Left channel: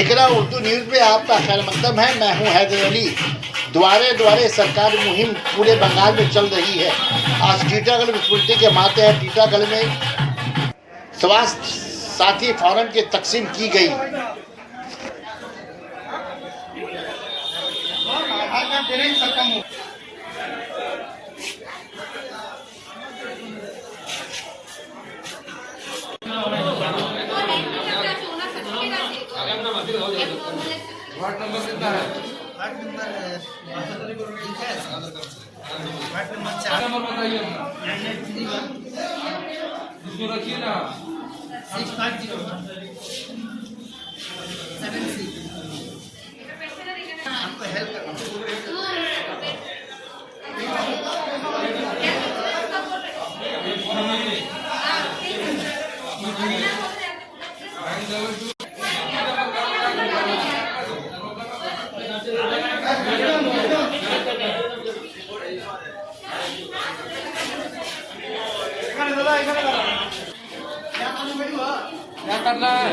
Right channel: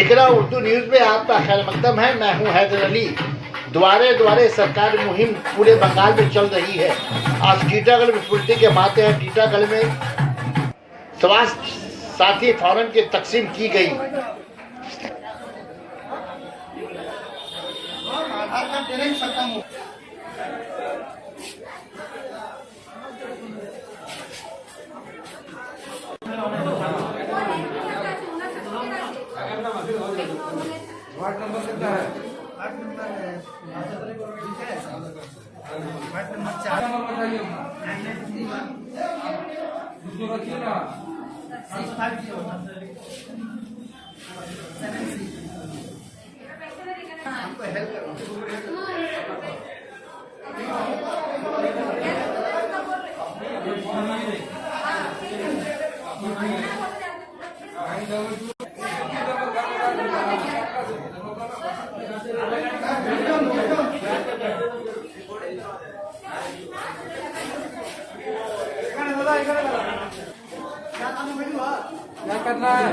इकरा उर्दू न्यूज़ में आपका खैर मकदम है। मैं हूं हैदर अली। द्वारे द्वारे सरकारी मुहिम पूरे बंगाल में चल रही है। आज टीटागढ़ विस्फोटनी के माते हैं। टीटागढ़ में स्वास्थ्य साथी फॉर्म की तकसीम की गई। वार्ड नंबर कितना है? नंबर बताइए अपना, इसको रखिए ना। 650। क्या करना है?